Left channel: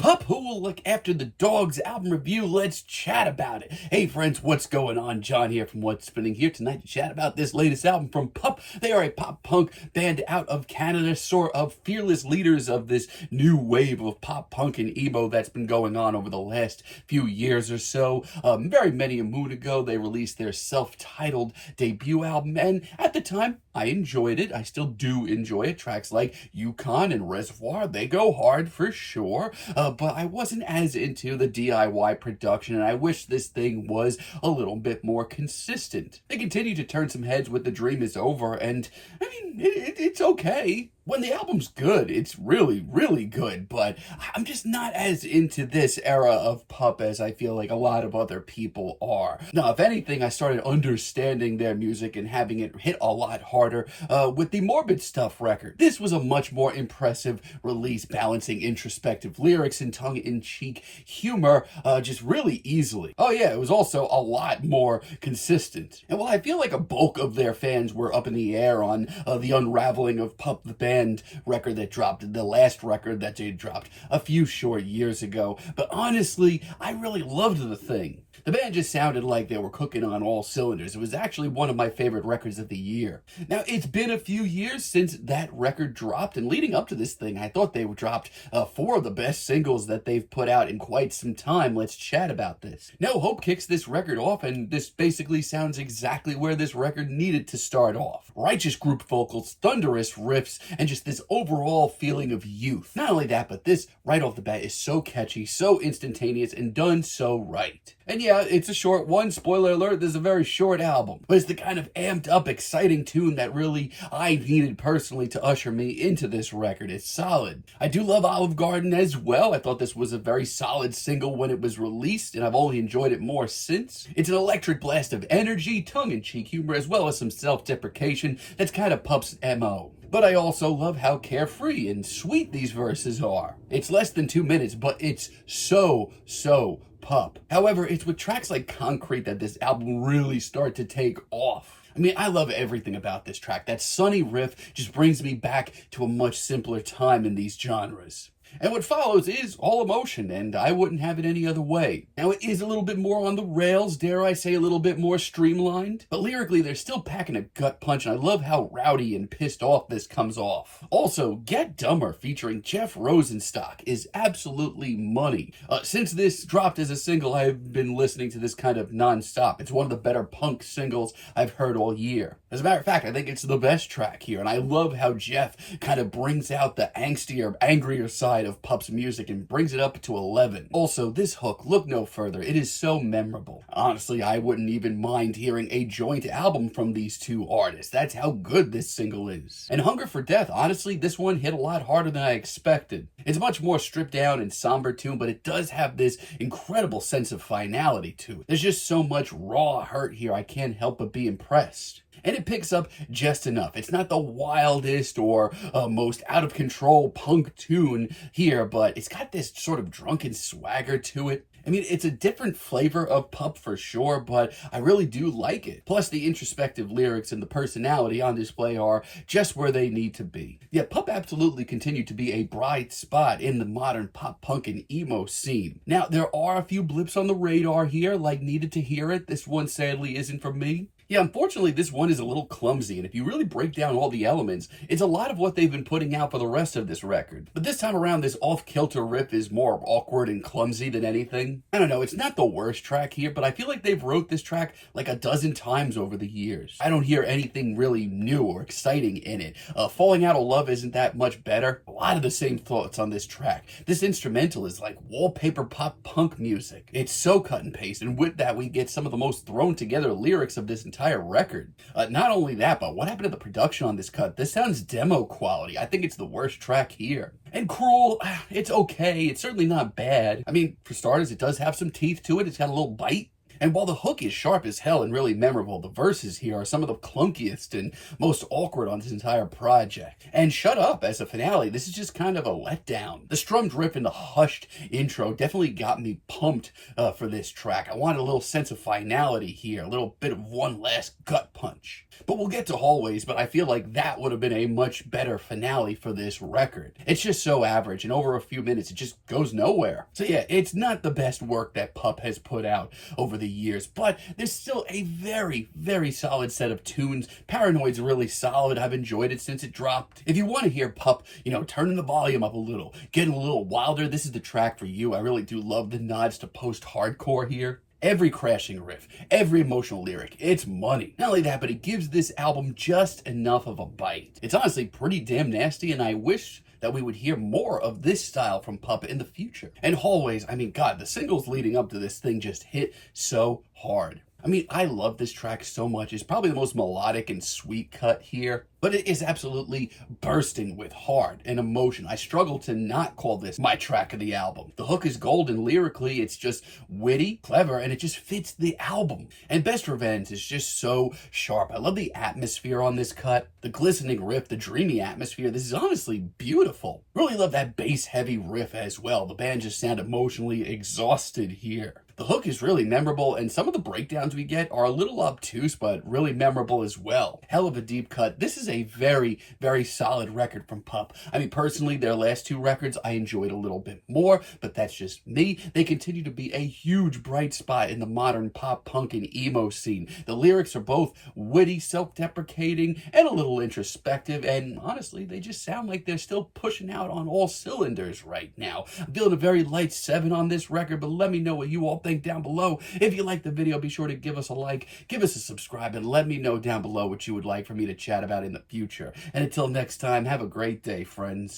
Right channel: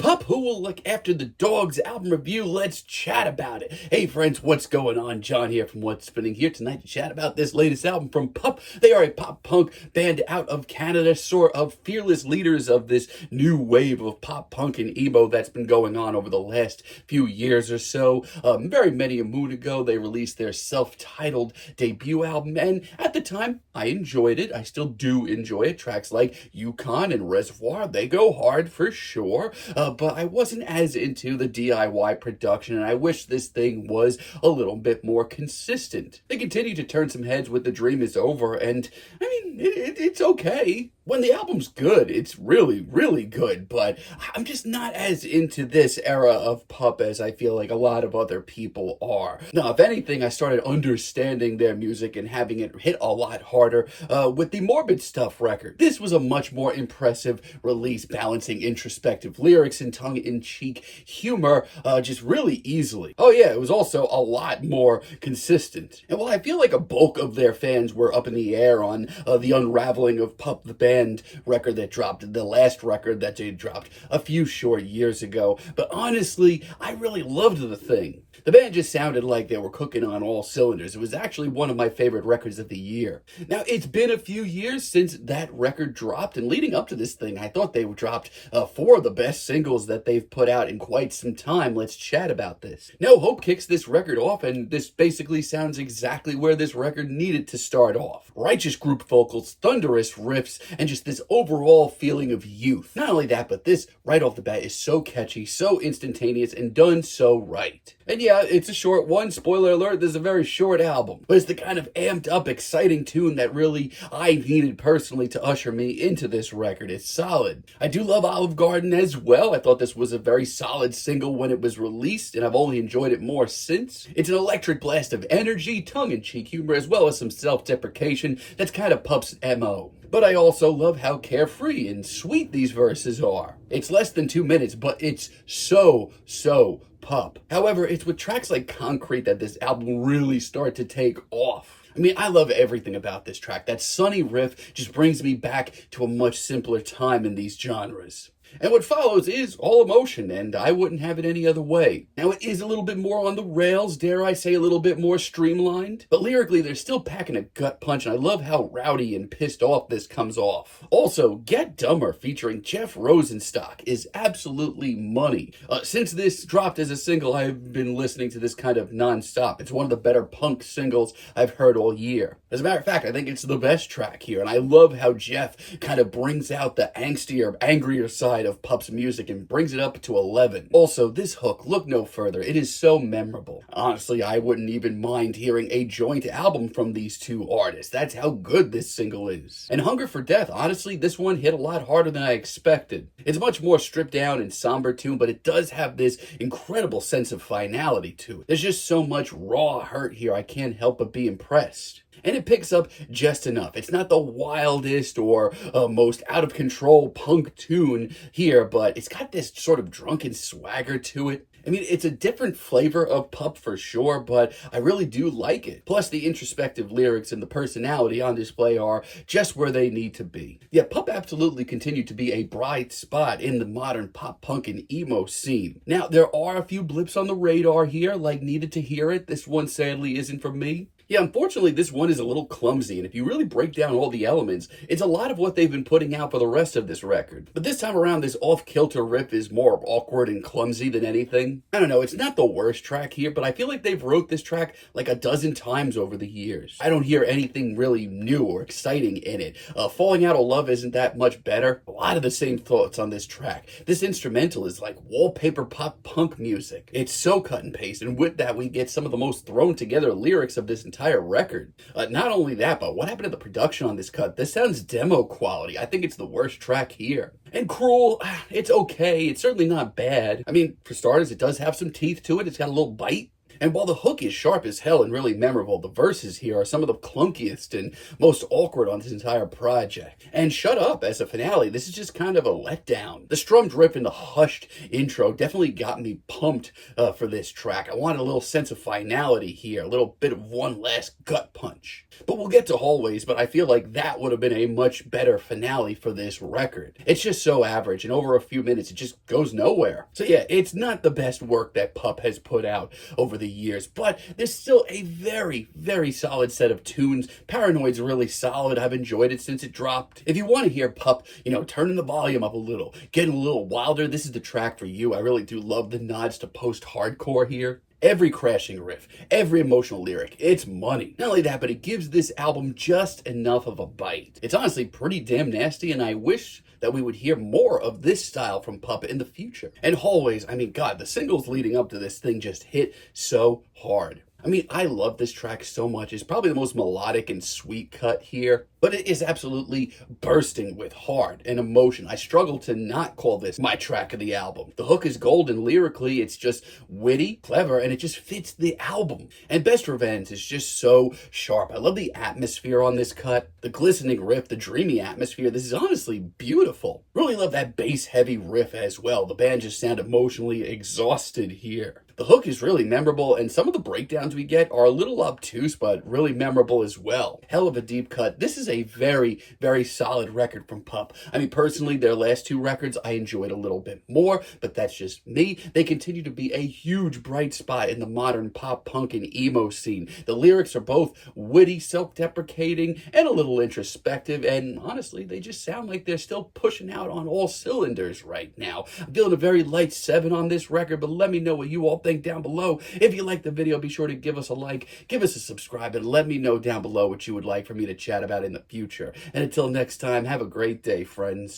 PUP, who will look after the Dogs album review? Let's chat about it. Hey friends, what's going on? John here from What's Spinning here tonight to chat about this latest album from PUP. They are a pop punk band out of Canada, sort of fearless leaders of this new wave of pop punk and emo that's been going on over the last few years or so. Very many a moon ago, they released their self-titled debut album, and at the time, I enjoyed it. I still do enjoy it. Tracks like Yukon and Reservoir, they go hard for sure. But I wasn't as into the DIY production, and I wish this thing was a little bit more consistent. They continue to turn some heads with The Dream Is Over, and I mean, it's okay. When the album's good, it's really, really good, but I'm just not as into this era of PUP as I feel like a lot of other people are. Now, if anything, I started understanding their music and having it hit a lot harder with the Morbid Stuff record. This was a much more impressive release, balancing introspective lyrics and tongue-in-cheek humor just really easily. Oh yeah, it was also a lot more consistent. And while I feel like a bulk of their fans were up in the air on the unraveling of PUP the band record that dropped, the last record that they dropped a few short years ago, but honestly, I really loved the thing. The band just sounded like they were cooking on all cylinders. It was actually one of my favorite records of the year. Now, it's been a few years since that record dropped, and leading up to this thing, I thought they dropped four of the best singles that they've put out in quite some time. Let's chat about this. No Hope kicks this record off, and this basically sounds exactly where this record needed to start off. Righteous group vocals, thunderous riffs, and just this overall feeling of youth. Not only that, but this, right off the bat, is so catchy, so instantaneous, and done so right. And yeah, it's a short one. Spoiler alert, this is a very short album. But it's the kind of amped up, exciting tune that really I needed personally to usher me into this record. It's solid. I do love Olive Garden as well. I thought this was a very solid single when it was released, and I've only enjoyed it more since. It's an electric blast of energy, tongue-in-cheek humor, as well as some self-deprecation that's kind of PUP's MO. But I also love how carefree and sweet these verses are. It's less than 2 minutes, but it's so PUP. However, it's with tracks like Concrete that this album really starts to take off. I mean, I love everything about this track. That sunny riff just brings me back to a much simpler time in these genres. And what follows is all emotion, and I wouldn't have it any other way. Now, it is a little bit more on the rails, dare I say a little bit more streamlined, but lyrically, they're still packing a gut punch, and I love how rowdy and pissed off this comes off. Also, Get Dumber featuring Jeff Rosenstock is absolutely money. Since this dropped as a single, I've been listening to this kind of non-stop. It's one of the better punk singles I've heard all year. As a matter of fact, I think it's the best track here, and I love how Jeff kind of brings out the angstier, angrier side of PUP's music and brings it up to 11. Also, this hook, look no further, it is so memorable. Honestly, I wouldn't even mind hearing a joint album from these two artists. That's how good this single is. And Hunger for Death, honestly, this one hit a lot harder than I expected. It's a much more stripped down and somber tune, but it does have this incredible sense of finality to it. There's just so much raw hurt here, I can't help but be impressed. And it picks up just enough. It's not the wildest or most out-of-control punk tune here, but it's got this sort of drunken swagger to it. I mean, it's a different flavor of PUP for sure, but I really do like it. Plus, the introspective lyrics and the personality on display are just where they need to be. Yeah, PUP absolutely continue to be a bright spot in the modern pop punk and emo scene. Now, there are a few blips on the radar here, like Needed to Hear It. This one sadly isn't for me. Yeah, unfortunately, this one is a little clumsy, and if you really break down all the elements, it's a lot of what they've been putting out for the rest of this record. But this time around, this off-kilter riff is more awkward and clumsy than anything. I don't know, it's not the worst track here, but I feel like they've wrote this track like a dozen times over the years. I don't hear anything really new or exciting in it. Falling Out of Love isn't that much better. A lot of the same thoughts on this track. This instrumental is like wallpaper pop punk music. It's so cut and paste, and with that, we get some of the most thrown together lyrics of this entire record. Not only that, but what happened to the production on this cut? This sounds demo quality. I think it's the worst track here. And Cruel, it's okay. It's certainly not bad. I mean, for starters, it does have some teeth to it. It's got a little bite. And while the hook is sharp as hell and really memorable, the verses here are some of the clunkiest and most awkward on this entire project. And shut up, as a finale, this is just kind of a letdown. The strummed riff and the hushed intro definitely got me pumped for this track. I wanted a little sense of finality here, a little bit of one last gut punch. But we'll get to Hallways, but I feel like that would have been a much better finale for this record. It's just so average, and over a few minutes, it just goes nowhere. So yeah, it's not the best work that PUP has put out over the years, but there's still a very, very solid set of tunes. Paranoid's really solid. I've enjoyed it since it dropped. If you want to hear PUP, turning the volume up a little, getting a little wilder, this is the track for you. I really do love the nods to post-hardcore here. Every crashing riff, every emotional lyric, it's money. Not only that, but it gives this album just enough of a bite. It's honestly pretty damn nasty, and I wish that we would hear more of this style from PUP in the future. And Hallways, I mean, God, the singles leading up to this thing just hit so hard. I mean, I love this track so much. It's probably the most melodic and sweet cut here, but it is absolutely bursting with heart and emotion. I struggle to not call this my track of the album. The hook is golden lyrically. It's just witty, clever, and it just fits the album. And Best Revenge is just so sharp. I love the atmosphere on this cut, the glistening riff, the dreamy atmosphere. This is honestly beautiful. Really love that bass heavy riff as well. The band just sound emotionally exhausted here. The hook is really memorable, and some of the breakdowns we get are a little obtuse, but really memorable as well. Hell of a deep cut. This is a very, very solid record from PUP. I mean, personally, their last two records I enjoyed a little bit more, but that's just me. They continue to be a huge bright spot in the modern pop punk and emo scene. The lyrics are both witty, self-deprecating, and a little introspective, and honestly, they just sound like they're still pushing out on all cylinders right now. I'm feeling a very light 7 on this record, but let me know what you all think down below. If you liked the video, be sure to give us a like, give us a subscribe, and let me know down below what you would like for me to chat about in the future. And until next time, have a great day, friends.